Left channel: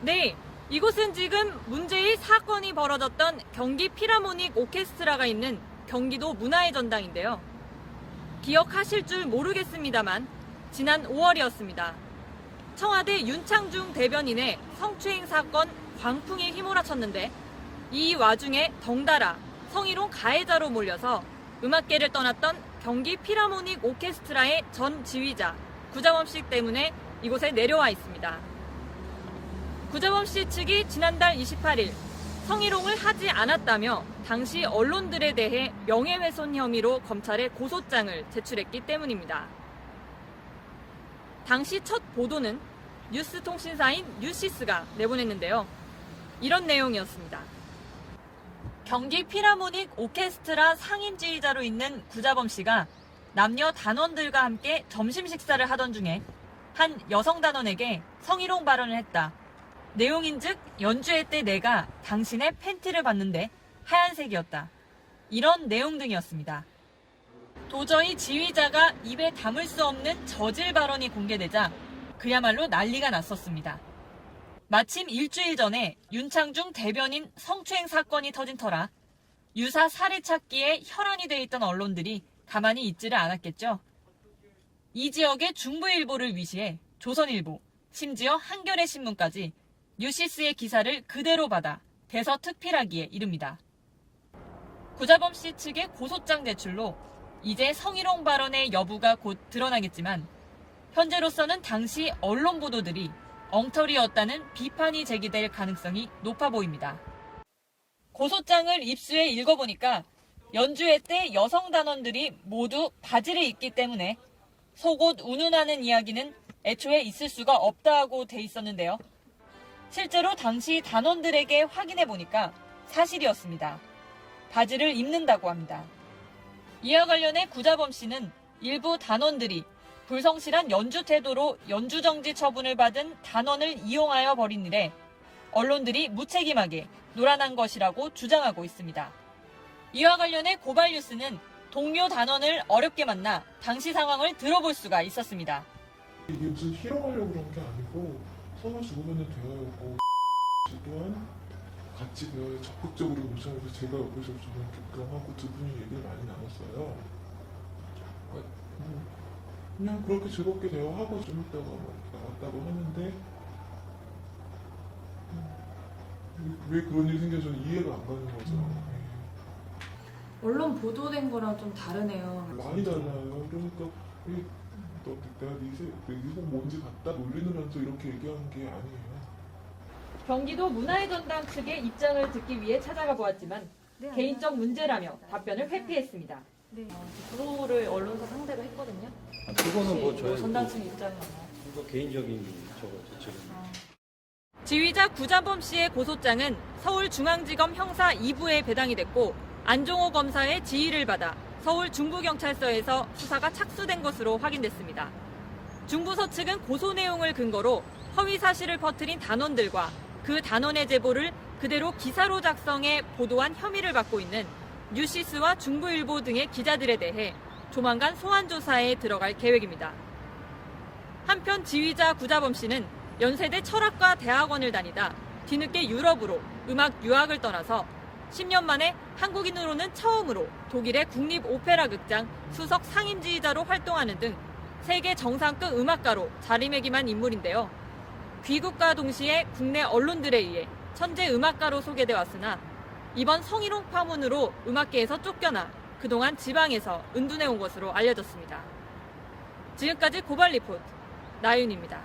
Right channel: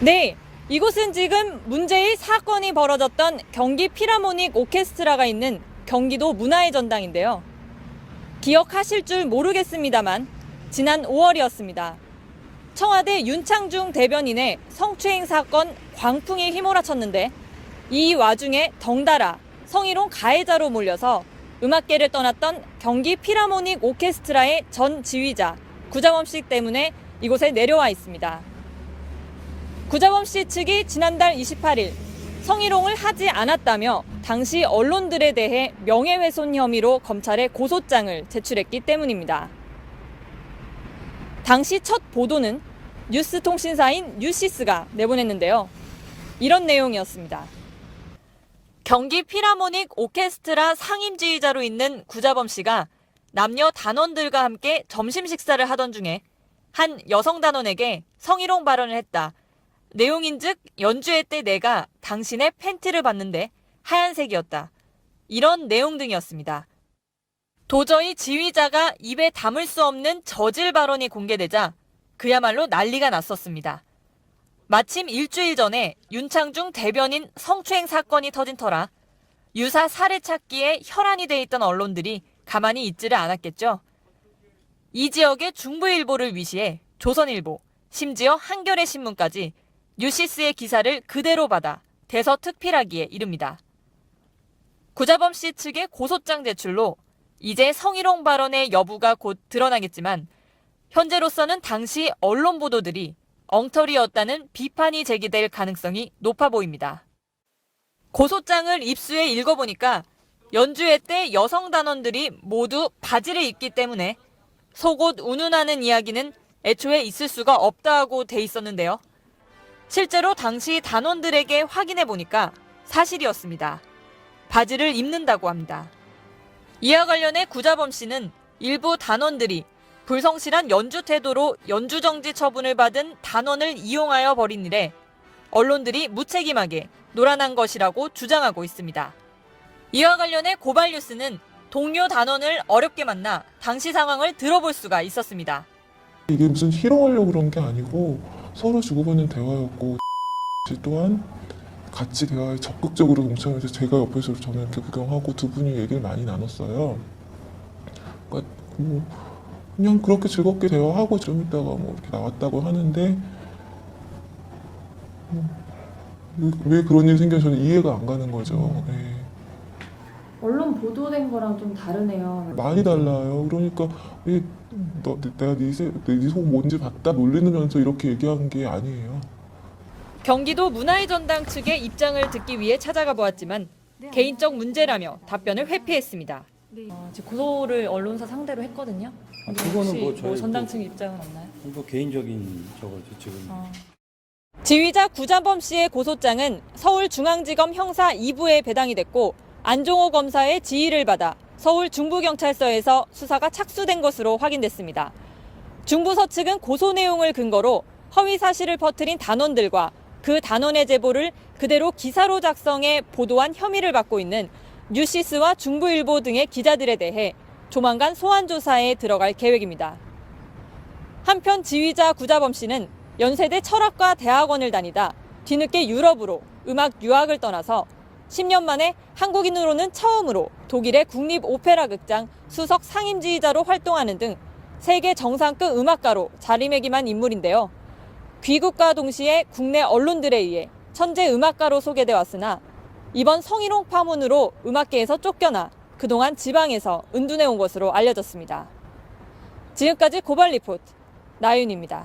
네, 이곳은 지금 문제의 사건이 벌어졌던 경기 필하모닉 오케스트라가 있는 경기도 문화의 전당인데요. 기억하실 줄 모르겠습니다만 지난 5월이었습니다. 청와대 윤창중 대변인의 성추행 사건 광풍이 휘몰아쳤는데 이 와중에 덩달아 성희롱 가해자로 몰려서 음악계를 떠났던 경기 필하모닉 오케스트라의 전 지휘자 구자범 씨 때문에 이곳에 내려와 있습니다. 구자범 씨 측이 지난달 28일 성희롱을 하지 않았다며 당시 언론들에 대해 명예훼손 혐의로 검찰에 고소장을 제출했기 때문입니다. 당시 첫 보도는 뉴스통신사인 뉴시스가 내보냈는데요. 이런 내용이었습니다. 경기 필하모닉 오케스트라 상임지휘자로 있는 구자범 씨가 남녀 단원들과 함께 점심 식사를 하던 중에 한 여성 단원에게 성희롱 발언을 했다. 내용인즉 연주회 때 내가 당신의 팬티를 봤는데 하얀색이었다. 이런 내용 등이었습니다. 도저히 지휘자가 입에 담을 수 없는 저질 발언이 공개되자 그야말로 난리가 났었습니다. 마침 일주일 전에 윤창중 대변인 성추행 사건이 터진 터라 유사 사례 찾기에 혈안이 돼 있던 언론들이 가만히 있지를 않았겠죠. 이 지역의 중부일보를 위시해 조선일보, 심지어 한겨레 신문까지 뉴시스의 기사를 그대로 받아 대서특필하기에 이릅니다. 구자범 씨 측의 고소장 제출로 이제 성희롱 발언의 여부가 곧 드러나겠지만 현재로서는 당시 언론 보도들이 엉터리였다는 비판이 제기될 가능성이 높아 보입니다. 고소장을 입수해 읽어보니까 연주회 때 여성 단원들이 모두 바지를 입기 때문에 속옷 운운하는 이야기는 애초에 있을 수가 없다고 돼 있었는데요. 실제로 당시 단원들에게 확인해 보니까 사실이었습니다. 바지를 입는다고 합니다. 이와 관련해 구자범 씨는 일부 단원들이 불성실한 연주 태도로 연주 정지 처분을 받은 단원을 이용하여 벌인 일에 언론들이 무책임하게 노란한 것이라고 주장하고 있습니다. 이와 관련해 고발 뉴스는 동료 단원을 어렵게 만나 당시 상황을 들어볼 수가 있었습니다. 이게 무슨 희롱하려고 그런 게 아니고 서로 주고받는 대화였고 또한 같이 대화에 적극적으로 동참해서 제가 옆에서 저는 이렇게 구경하고 두 분이 얘기를 많이 나눴어요. 그러니까 그냥 그렇게 즐겁게 대화하고 좀 있다가 이렇게 나왔다고 하는데 왜 그런 일이 생겨서 저는 이해가 안 가는 거죠. 네. 언론 보도된 거랑 좀 다르네요. 많이 달라요. 그러니까 내가 네 속 뭔지 봤다 놀리면서 이렇게 얘기한 게 아니에요. 경기도 문화의 전당 측의 입장을 듣기 위해 찾아가 보았지만 개인적 문제라며 답변을 회피했습니다. 네. 지금 구호를 언론사 상대로 했거든요. 그거는 뭐 저희 전당 측 입장은 없나요? 뭐 개인적인 저거죠 지금. 지휘자 구자범 씨의 고소장은 서울중앙지검 형사 2부에 배당이 됐고 안종호 검사의 지휘를 받아 서울 중부경찰서에서 수사가 착수된 것으로 확인됐습니다. 중부서 측은 고소 내용을 근거로 허위 사실을 퍼뜨린 단원들과 그 단원의 제보를 그대로 기사로 작성해 보도한 혐의를 받고 있는 뉴시스와 중부일보 등의 기자들에 대해 조만간 소환 조사에 들어갈 계획입니다. 한편 지휘자 구자범 씨는 연세대 철학과 대학원을 다니다 뒤늦게 유럽으로 음악 유학을 떠나서 10년 만에 한국인으로는 처음으로 독일의 국립 오페라 극장 수석 상임지휘자로 활동하는 등 세계 정상급 음악가로 자리매김한 인물인데요. 귀국과 동시에 국내 언론들에 의해 천재 음악가로 소개돼 왔으나 이번 성희롱 파문으로 음악계에서 쫓겨나 그동안 지방에서 은둔해 온 것으로 알려졌습니다. 지금까지 고발 리포트 나윤입니다.